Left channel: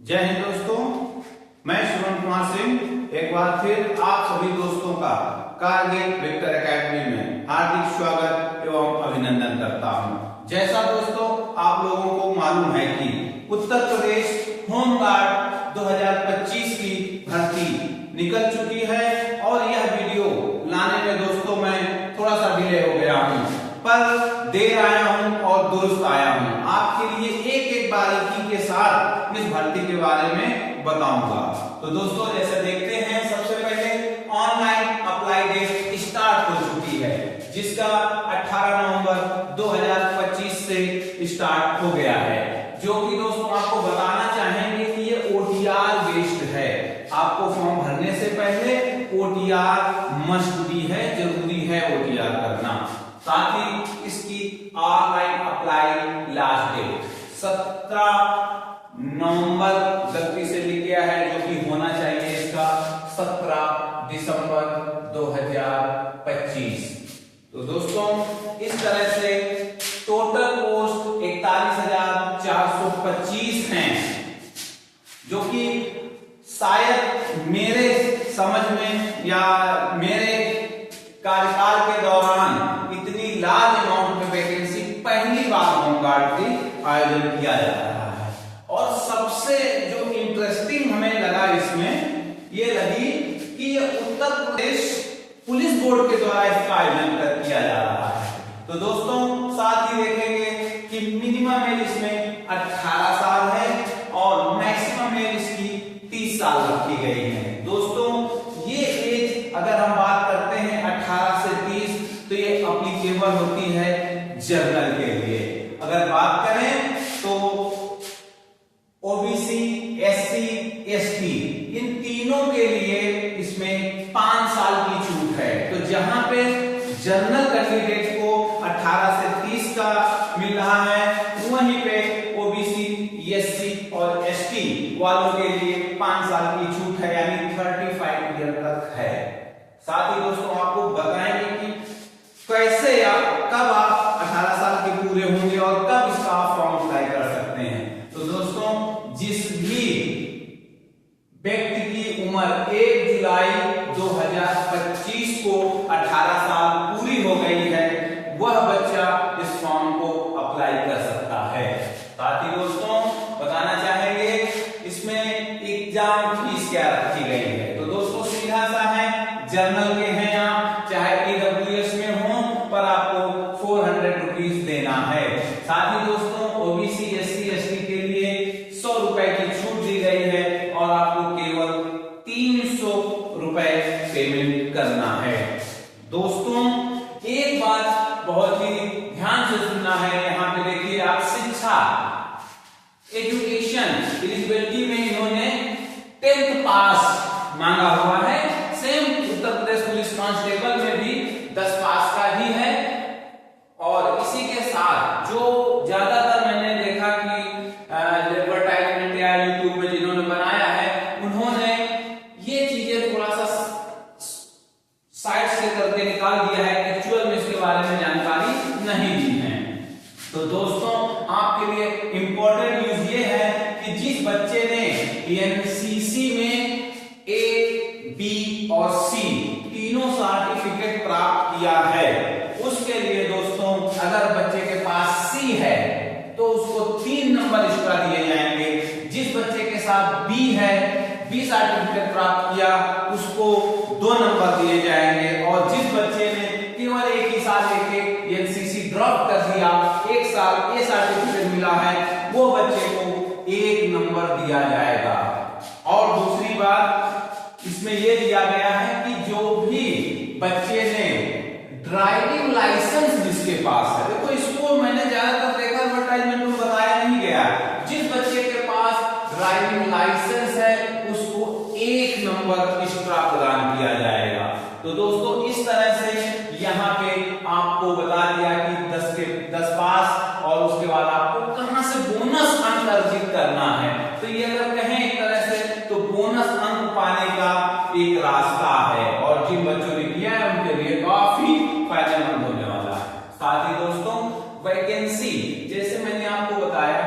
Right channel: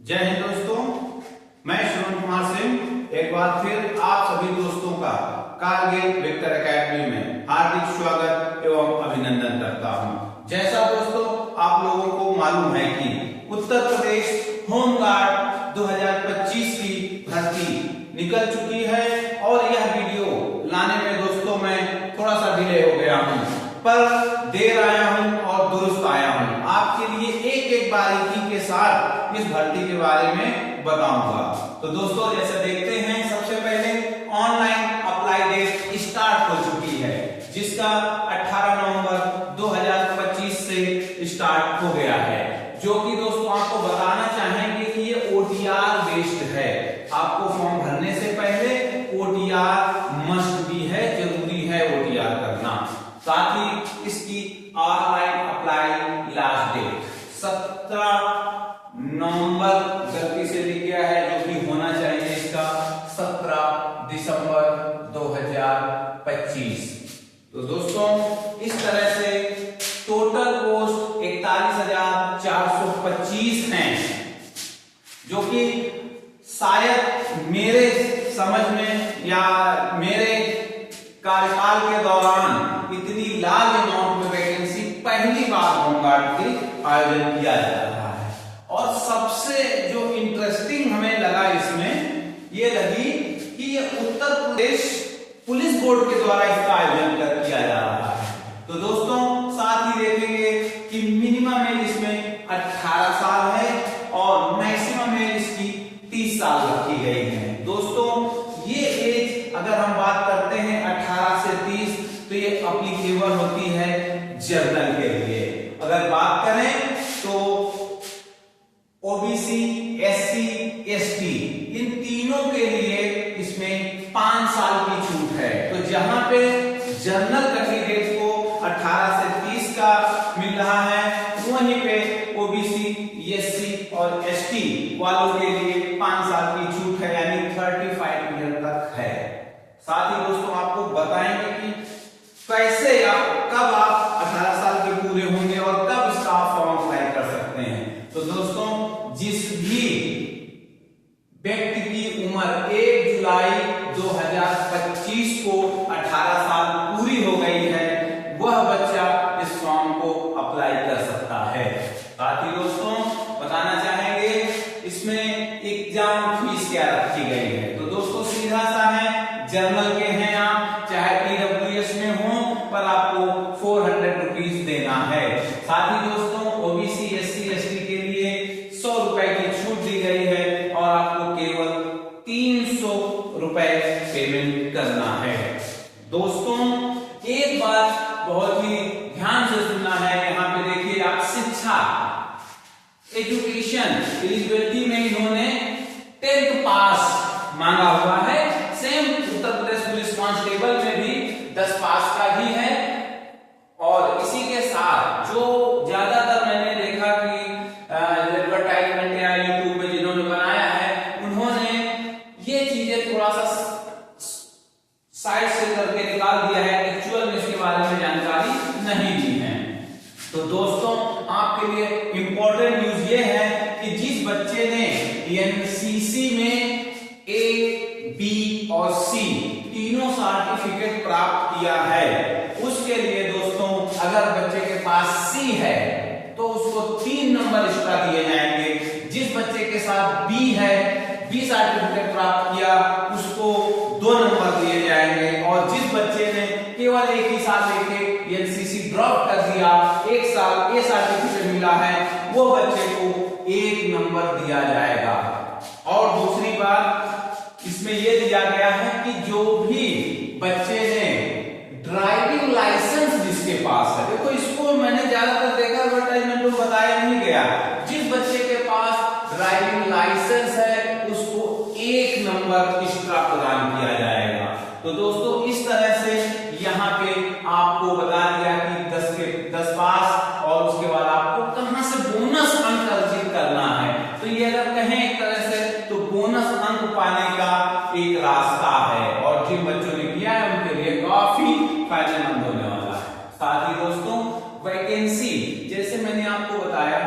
जय हिंद दोस्तों, मैं श्रवण कुमार सिंह एक बार फिर आप सभी दोस्तों का कारगिल वेक्टर एकेडमी में हार्दिक स्वागत एवं अभिनंदन करता हूं। जैसा दोस्तों आप लोगों को मालूम है कि उत्तर प्रदेश होमगार्ड 2025 की भर्ती निकल चुकी है और यह वीडियो लाने में दोस्तों मैं थोड़ा सा डिले हो गया हूं, पर देर आया हूं और दुरुस्त आया हूं। आपके लिए एक एक बारीकी के साथ इस भर्ती के बारे में बताऊंगा। तो दोस्तों जैसे देखते हैं, सबसे पहले ऑनलाइन अप्लाई डेट स्टार्ट हो चुकी है, जिसका 18 नवंबर 2025 से स्टार्ट हो गया है, जो कि दोस्तों आपको बताना चाहेंगे कि ये OTR बेस्ड है। आपको फॉर्म भरने से पहले OTR मस्ट भी है, जरूरी है OTR करना। साथ ही इसकी ऑनलाइन अप्लाई लास्ट डेट 17 नवंबर गलती से लिख गया है, जो कि होना चाहिए इसका 17 दिसंबर 2025। तो दोस्तों इस तरह से टोटल पोस्ट 41,425 हैं, जो कि शायद मेरे समझ में या मेरे कार्यकाल के दौरान इतनी लार्ज अमाउंट में वैकेंसी पहली बार होमगार्ड की आयोजन किया जा रहा है। और सबसे जो इंटरेस्टिंग हमें लगा इसमें ये लगी कि ये उत्तर प्रदेश पुलिस बोर्ड के द्वारा इसका आयोजन किया जा रहा है। तो दोस्तों साथ ही देखेंगे कि मिनिमम एज इसमें 18 साल है और मैक्सिमम एज इसकी 30 साल रखी गई है। दोस्तों ये एज अगर हम बात करते हैं 18 से 30, तो ये एप्लीकेबल होती है जनरल के लिए। अगर बात करें तो OBC, SC, ST इन तीनों के लिए इसमें 5 साल की छूट है। तो जहां पे जनरल कैंडिडेट को 18 से 30 का मिल रहा है, वहीं पे OBC, SC और ST वालों के लिए 5 साल की छूट है, यानी 35 ईयर तक है। साथ ही दोस्तों आपको बताएंगे कि कैसे कब आप 18 साल के पूरे होंगे और कब इसका आप फॉर्म अप्लाई कर सकते हैं। तो दोस्तों जिस भी व्यक्ति की उम्र 1 जुलाई 2025 को 18 साल पूरी हो गई है, वह बच्चा इस फॉर्म को अप्लाई कर सकता है। साथ ही दोस्तों बताना चाहेंगे इसमें एग्जाम फीस क्या रखी गई है। तो दोस्तों सीधा सा है, जनरल के हैं आप, चाहे EWS में हो, पर आपको 400 रुपीज देना है। साथ ही दोस्तों OBC, SC, ST के लिए 100 रुपए की छूट दी गई है और आपको केवल 300 रुपए पेमेंट करना है। दोस्तों एक बात बहुत ही ध्यान से सुनना है, यहाँ पे देखिए आप शिक्षा एजुकेशन एलिजिबिलिटी में इन्होंने 10th पास मांगा हुआ है। Same Uttar Pradesh police constable में भी 10 पास का ही है। और इसी के साथ जो ज्यादातर मैंने देखा कि एडवर्टाइजमेंट या यूट्यूब में जिन्होंने बनाया है, उन्होंने ये चीजें थोड़ा सा साइड से करके निकाल दिया है, एक्चुअल में इसके बारे में जानकारी नहीं दी है। तो दोस्तों आपके लिए इंपॉर्टेंट न्यूज ये है कि जिस बच्चे ने NCC में A, B और C तीनों सर्टिफिकेट प्राप्त किया है, उसके लिए दोस्तों अगर बच्चे के पास C है तो उसको 3 नंबर एक्स्ट्रा दिए जाएंगे। जिस बच्चे के साथ B है, B सर्टिफिकेट प्राप्त किया, उसको 2 नंबर दिए जाएंगे। और जिस बच्चे ने केवल एक ही साल लेके NCC ड्रॉप कर दिया, 1 साल A सर्टिफिकेट मिला है, वो बच्चे को 1 नंबर दिया जाएगा। और दूसरी बात इसमें यह दिया गया है कि जो भी बच्चे ने ड्राइविंग लाइसेंस जिसके पास है, देखो इसको मैंने ज्यादातर देखा एडवर्टाइजमेंट में बताया नहीं गया, जिस बच्चे के पास ड्राइविंग लाइसेंस है उसको 1 नंबर एक्स्ट्रा प्रदान किया जाएगा। तो दोस्तों इस तरह से यहाँ पे आपको बता दिया कि 10 पास और उसके बाद आपको कहां से बोनस अंक अर्जित करना है। तो ये अगर कहें एक तरह से तो बोनस अंक पाने का एक रास्ता है, और जिन बच्चों ने किया है उनके लिए काफी फायदेमंद होने वाला है। साथ ही दोस्तों वैकेंसी जैसे मैंने आपको बताया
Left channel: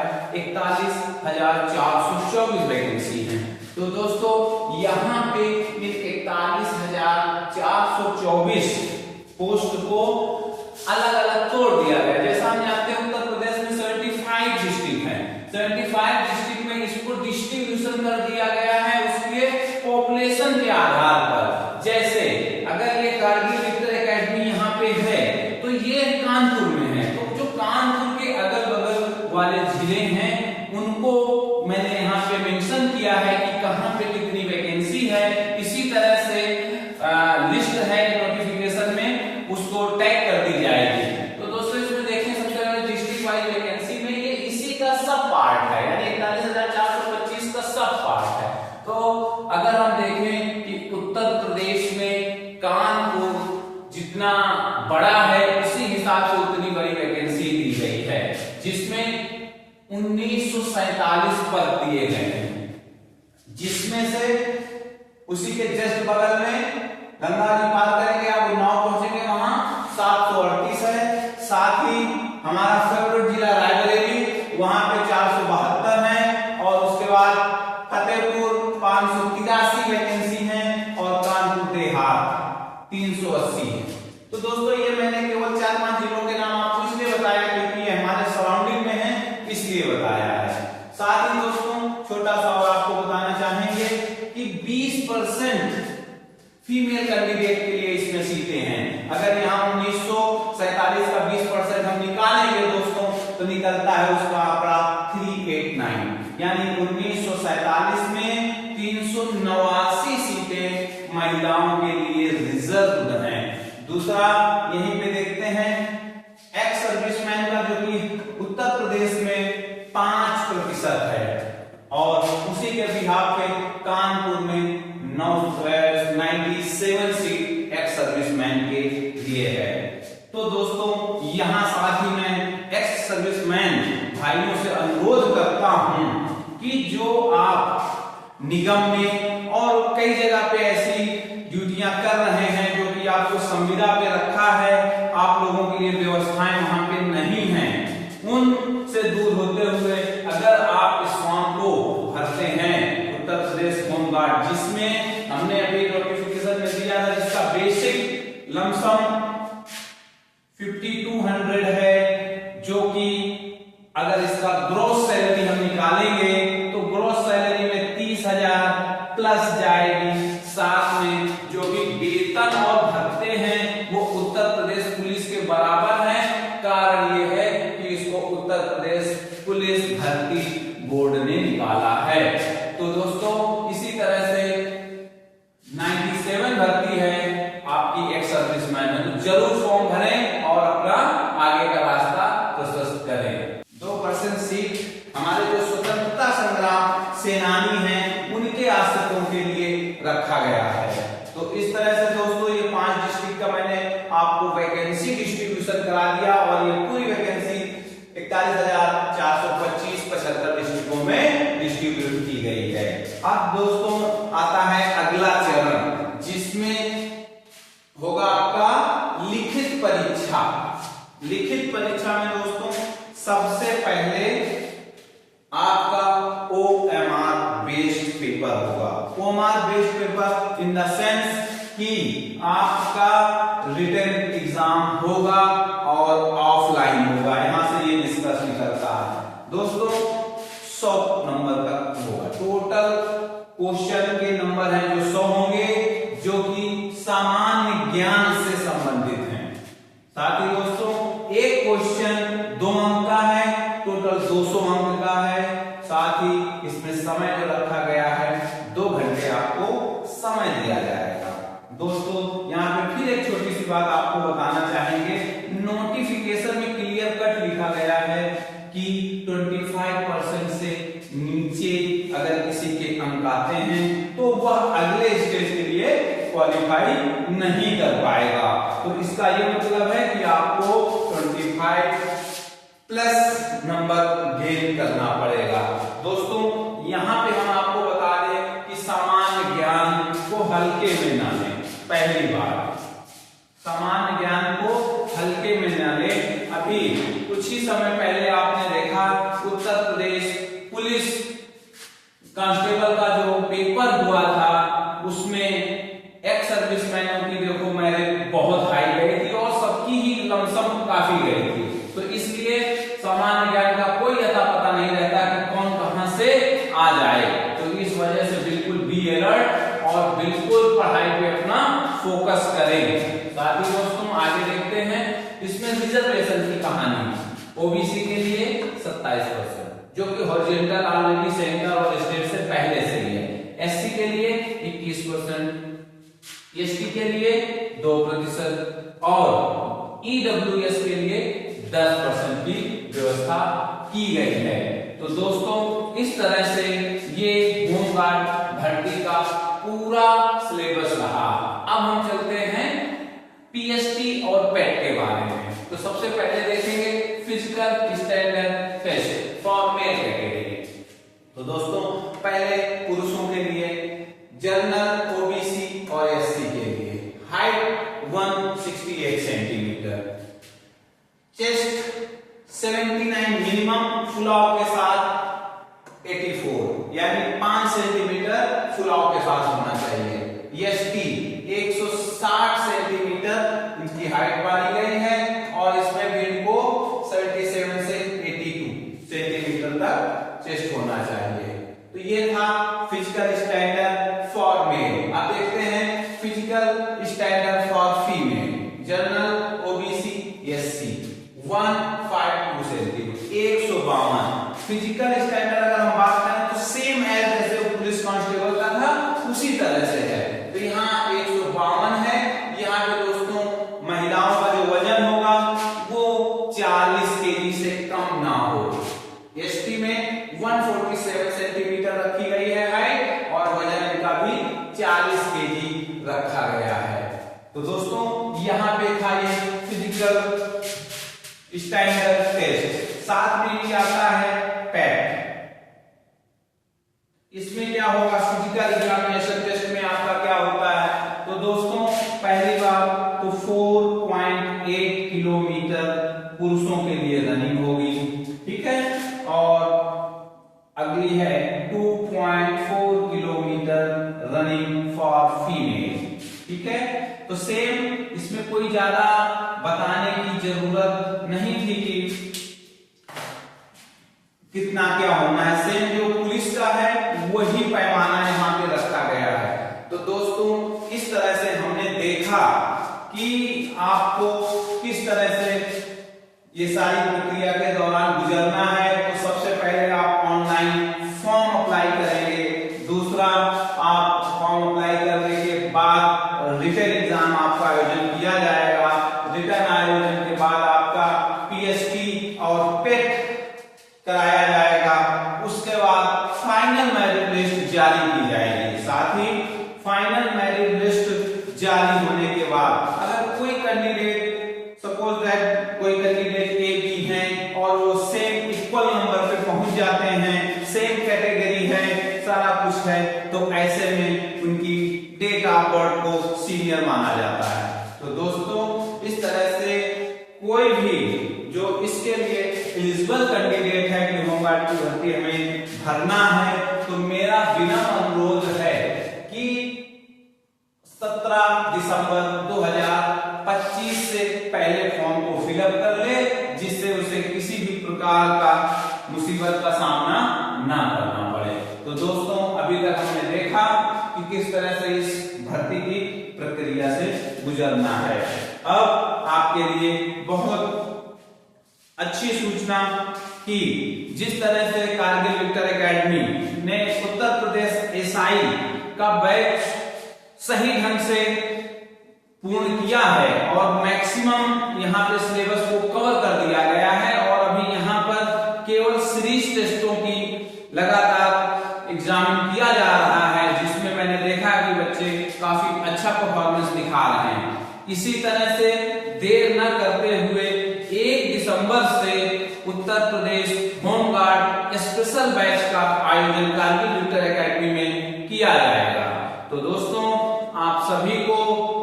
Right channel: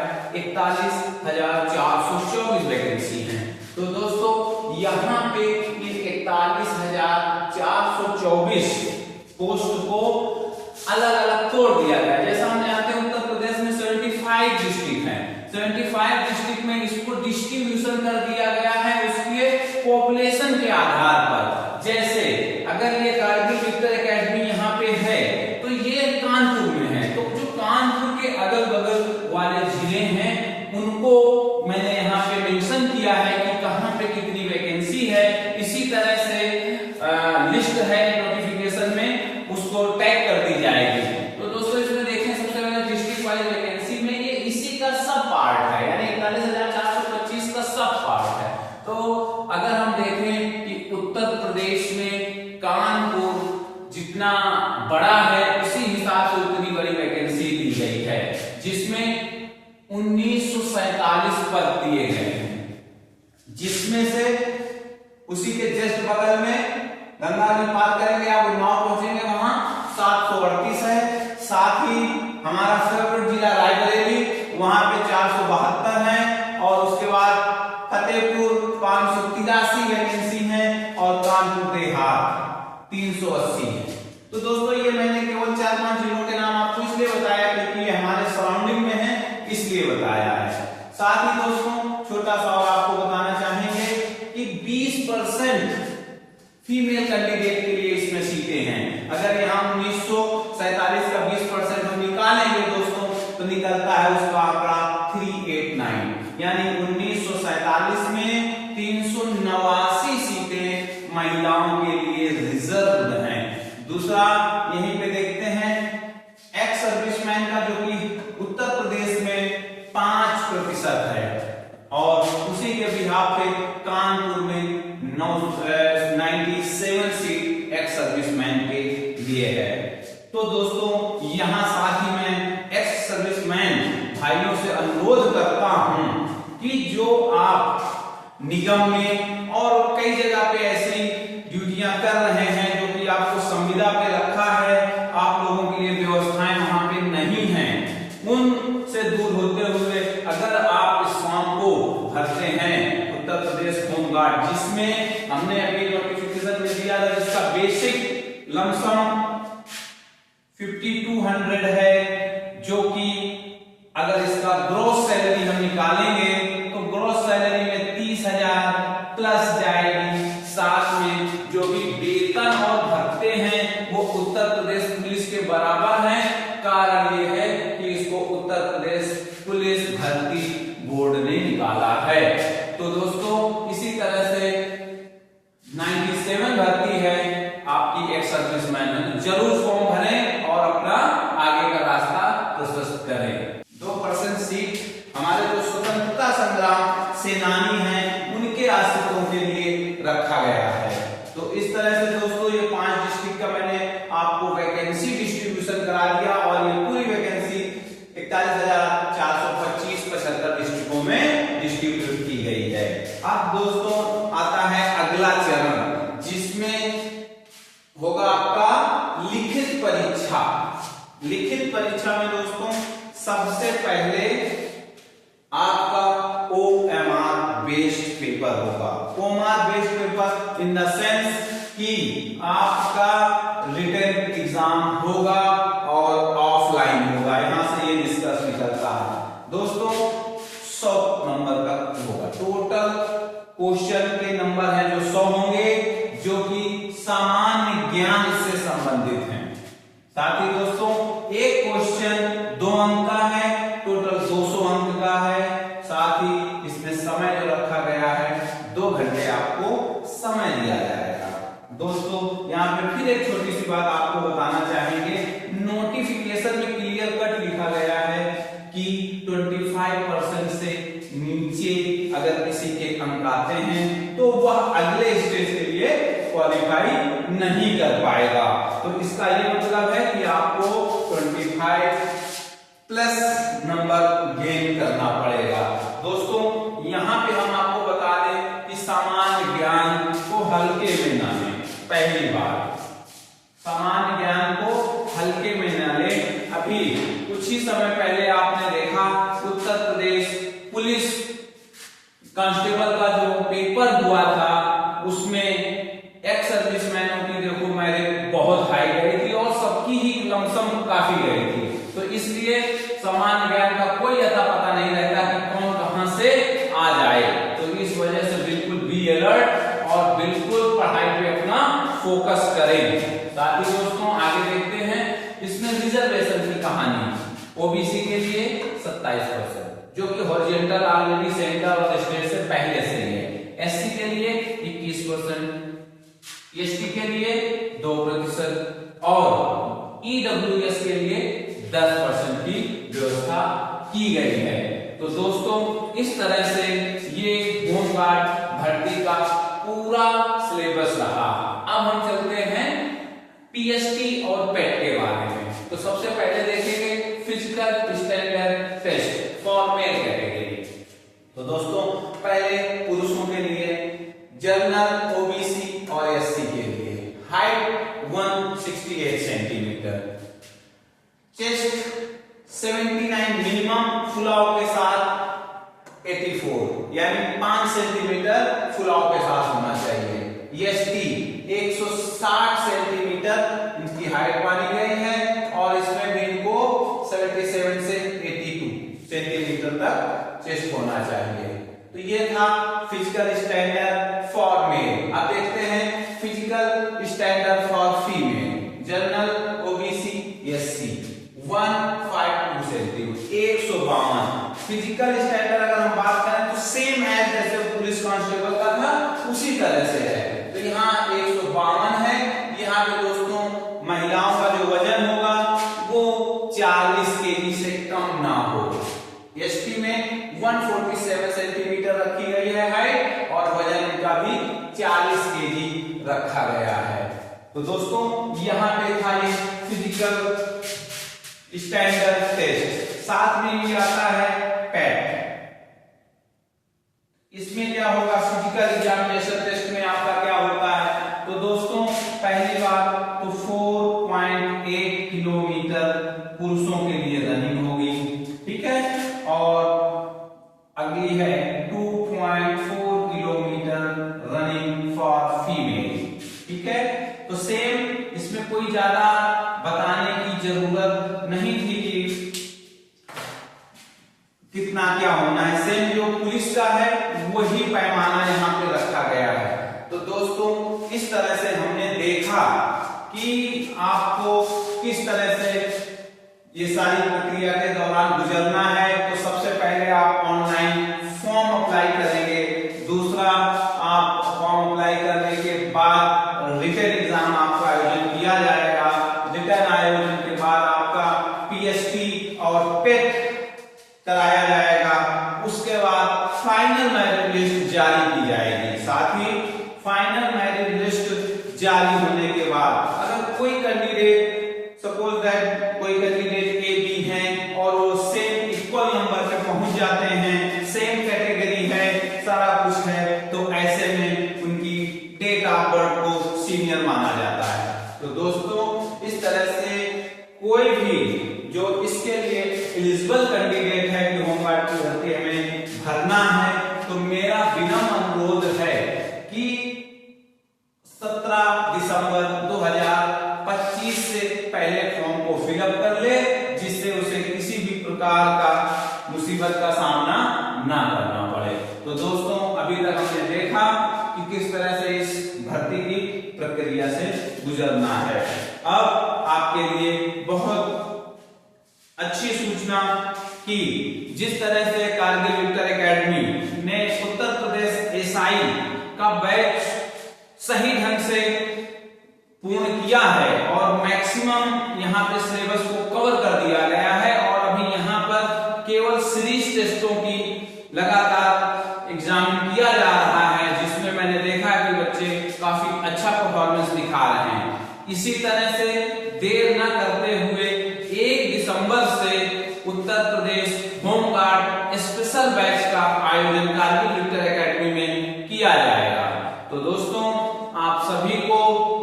पोस्ट को अलग अलग तोड़ दिया गया। जैसा हम जानते हैं उत्तर प्रदेश में 75 डिस्ट्रिक्ट हैं, 75 डिस्ट्रिक्ट में इसको डिस्ट्रीब्यूशन कर दिया गया है उसके पॉपुलेशन के आधार पर। जैसे अगर ये कारगिल विक्टर एकेडमी यहाँ पे है तो ये कानपुर में है, तो जो कानपुर के अगल बगल वाले जिले हैं उनको मैंने यहाँ पे मेंशन किया है कि कहाँ पे कितनी वैकेंसी है। इसी तरह से लिस्ट है नोटिफिकेशन में, उसको टैग कर दी जाएगी। तो दोस्तों इसमें देखें सबसे पहले डिस्ट्रिक्ट वाइज वैकेंसी में ये इसी का सब पार्ट है, यानी 41,425 का सब पार्ट है। तो अगर हम देखें कि उत्तर प्रदेश में कानपुर जितना बड़ा है उसी हिसाब से उतनी बड़ी वैकेंसी दी गई है, जिसमें 1947 पद दिए गए हैं, जिसमें से उसी के जस्ट बगल में गंगा जी पार करेंगे आप उन्नाव पहुंचेंगे वहां 738 है। साथ ही हमारा फेवरेट जिला रायबरेली वहां पे 472 है, और उसके बाद फतेहपुर 583 वैकेंसी है, और कानपुर देहात 380 है। तो दोस्तों ये मैंने केवल 4-5 जिलों के नाम आपको इसलिए बताया क्योंकि ये हमारे सराउंडिंग में है, इसलिए बताया है। साथ ही दोस्तों छोटा सा और आपको बताना चाहेंगे कि 20% फीमेल कैंडिडेट के लिए इसमें सीटें हैं। अगर यहाँ 1947 का 20% हम निकालेंगे दोस्तों तो निकलता है उसका आंकड़ा 389, यानी 1947 में 389 सीटें महिलाओं के लिए रिजर्व हैं। दूसरा यहीं पे देखते हैं एक्स सर्विसमैन का, जो कि उत्तर प्रदेश में 5% है, और उसी के बिहाफ पे कानपुर में 97 सीट एक्स सर्विसमैन पे दिए है। तो दोस्तों यहां साथ ही मैं एक्स सर्विसमैन भाइयों से अनुरोध करता हूं कि जो आप निगम में और कई जगह पे ऐसी ड्यूटियां कर रहे हैं जो कि आपको संविदा पे रखा है, आप लोगों के लिए व्यवस्थाएं वहां पे नहीं है, उनसे दूर होते हुए अगर आप इस फॉर्म को भरते हैं उत्तर प्रदेश होमगार्ड, जिसमें हमने अभी नोटिफिकेशन में दिया था, जिसका बेसिक लमसम 5200 है, जो कि अगर इसका ग्रॉस सैलरी हम निकालेंगे तो ग्रॉस सैलरी में 30,000 प्लस जाएगी। साथ में जो भी वेतन और भत्ते हैं वो उत्तर प्रदेश पुलिस के बराबर हैं। कारण ये है कि इसको उत्तर प्रदेश पुलिस भर्ती बोर्ड ने निकाला है। तो दोस्तों इसी तरह से 97 भर्ती है आपकी एक्स सर्विसमैन में, तो जरूर फॉर्म भरें और अपना आगे का रास्ता प्रशस्त करें। 2% सीट हमारे जो स्वतंत्रता संग्राम सेनानी हैं उनके आश्रितों के लिए रखा गया है। तो इस तरह से दोस्तों ये 5 डिस्ट्रिक्ट का मैंने आपको वैकेंसी डिस्ट्रीब्यूशन करा दिया, और ये पूरी वैकेंसी 41,425 75 डिस्ट्रिक्टों में डिस्ट्रीब्यूट की गई है। अब दोस्तों आता है अगला चरण, जिसमें होगा आपका लिखित परीक्षा। लिखित परीक्षा में दोस्तों सबसे पहले आपका OMR बेस्ड पेपर होगा। OMR based paper in the sense कि आपका रिटन एग्जाम होगा और ऑफलाइन होगा, यहां से ये निष्कर्ष निकलता है दोस्तों। 100 नंबर का होगा, टोटल क्वेश्चन के नंबर हैं जो 100 होंगे, जो कि सामान्य ज्ञान से संबंधित हैं। साथ ही दोस्तों एक क्वेश्चन 2 अंक का है, टोटल 200 अंक का है। साथ ही इसमें समय जो रखा गया है 2 घंटे आपको समय दिया जाएगा। दोस्तों यहाँ पे फिर एक छोटी सी बात आपको बताना चाहेंगे, नोटिफिकेशन में क्लियर कट लिखा गया है कि 25% से नीचे अगर किसी के अंक आते हैं तो वह अगले स्टेज के लिए क्वालिफाई नहीं कर पाएगा। तो इसका ये मतलब है कि आपको 25 प्लस नंबर गेन करना पड़ेगा। दोस्तों यहाँ पे हम आपको बता दें कि सामान्य ज्ञान को हल्के में ना लें। पहली बात, सामान्य ज्ञान को हल्के में ना लें। अभी कुछ ही समय पहले आपने देखा उत्तर प्रदेश पुलिस कांस्टेबल का जो पेपर हुआ था उसमें एक्स सर्विसमैनों की देखो मेरिट बहुत हाई गई थी और सबकी ही लमसम काफी गई थी, तो इसलिए सामान्य ज्ञान का कोई अता पता नहीं रहता कि कौन कहां से आ जाए। तो इस वजह से बिल्कुल बी अलर्ट और बिल्कुल पढ़ाई पे अपना फोकस करें। साथ ही दोस्तों आगे देखते हैं, इसमें रिजर्वेशन की कहानी। ओबीसी के लिए 27%, जो कि हॉरिजॉन्टल ऑलरेडी सेंट्रल और स्टेट से पहले से ही है। एससी के लिए 21%, एसटी के लिए 2% और ईडब्ल्यूएस के लिए 10% की व्यवस्था की गई है। तो दोस्तों इस तरह से ये होमगार्ड भर्ती का पूरा सिलेबस रहा। अब हम चलते हैं पीएसटी और पेट के बारे में। तो सबसे पहले देखेंगे physical standard test for male category. तो दोस्तों पहले पुरुषों के लिए जनरल, ओबीसी और एससी के लिए हाइट 168 सेंटीमीटर, चेस्ट 79 मिनिमम, फुलाव के साथ 84 यानी 5 सेंटीमीटर फुलाव के साथ होना चाहिए। एसटी 160 सेंटीमीटर इनकी हाइट मानी गई है और इसमें भी इनको 77 से 82 सेंटीमीटर तक चेस्ट होना चाहिए। तो ये था फिजिकल स्टैंडर्ड फॉर मेल। अब देखते हैं physical standard for female. General, OBC, SC 152 centimetre, 152। Physical standard अगर हम बात करें तो सेम एज जैसे पुलिस कांस्टेबल का था उसी तरह से है। तो यहाँ 152 है। यहाँ पे दोस्तों महिलाओं का जो वजन होगा वो 40 केजी से कम ना हो। एसटी में 147 सेंटीमीटर रखी गई है हाइट और वजन इनका भी 40 केजी रखा गया है। तो दोस्तों यहाँ पे था ये फिजिकल स्टैंडर्ड टेस्ट। साथ में ये आता है पैट। इसमें क्या होगा, फिजिकल एग्जामिनेशन टेस्ट में आपका क्या होता है। तो दोस्तों पहली बात तो 4.8 किलोमीटर पुरुषों के लिए रनिंग होगी, ठीक है, और अगली है 2.4 किलोमीटर रनिंग फॉर फीमेल, ठीक है। तो सेम इसमें कोई ज्यादा बताने की जरूरत नहीं थी कि कितना क्या होना है। सेम जो पुलिस का है वही पैमाना यहाँ पे रखा गया है। तो दोस्तों इस तरह से हमने देखा कि आपको किस तरह से ये सारी प्रक्रिया के दौरान गुजरना है। तो सबसे पहले आप ऑनलाइन फॉर्म अप्लाई करेंगे। दूसरा, आप फॉर्म अप्लाई करने के बाद रिटन एग्जाम आपका आयोजन किया जाएगा। रिटन आयोजन के बाद आपका पीएसटी और पेट कराया जाएगा। उसके बाद फाइनल मेरिट लिस्ट जारी की जाएगी। साथ ही फाइनल मेरिट लिस्ट जारी होने के बाद अगर कोई कैंडिडेट, सपोज दैट कोई कैंडिडेट ए बी हैं और वो सेम इक्वल नंबर पे पहुंच जाते हैं, सेम कैटेगरी है, सारा कुछ है, तो ऐसे में उनकी डेट ऑफ बर्थ को सीनियर माना जाता है। तो दोस्तों इस तरह से कोई भी जो इसके लिए एलिजिबल कैंडिडेट है कि होमगार्ड की भर्ती हमें भरना है, तो मेरा विनम्र अनुरोध है कि 17 दिसंबर 2025 से पहले फॉर्म को फिलअप कर ले, जिससे उसे किसी भी प्रकार का मुसीबत का सामना ना करना पड़े। तो दोस्तों अभी तक हमने देखा कि किस तरह से इस भर्ती की प्रक्रिया से गुजरना है। अब आपके लिए बहुत अच्छी सूचना कि जिस तरह से कारगिल विक्टर एकेडमी ने उत्तर प्रदेश एसआई का बैच सही ढंग से पूर्ण किया है और मैक्सिमम यहाँ पे सिलेबस को कवर कर दिया गया है और अभी यहाँ पर केवल सीरीज टेस्टों की लगातार एग्जामिन किया जा रहा है, जिसमें मैंने देखा कि बच्चे काफी अच्छा परफॉर्मेंस दिखा रहे हैं। इसी तरह से देर न करते हुए 1 दिसंबर से Uttar Pradesh home guard special batch का आयोजन कारगिल विक्टर एकेडमी में किया जाएगा। तो दोस्तों आप सभी को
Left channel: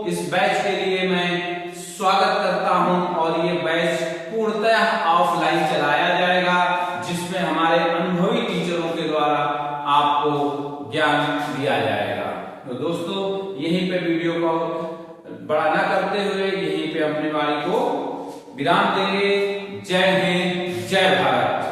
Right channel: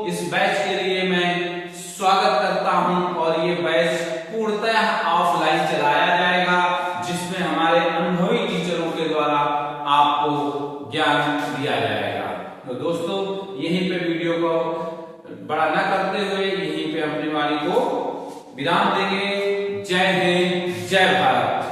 इस बैच के लिए मैं स्वागत करता हूं और ये बैच पूर्णतः ऑफलाइन चलाया जाएगा, जिसमें हमारे अनुभवी टीचरों के द्वारा आपको ज्ञान दिया जाएगा। तो दोस्तों ये यहीं पे वीडियो को बड़ा न करते हुए यहीं पे अपनी वाणी को विराम देंगे। जय हिंद, जय भारत।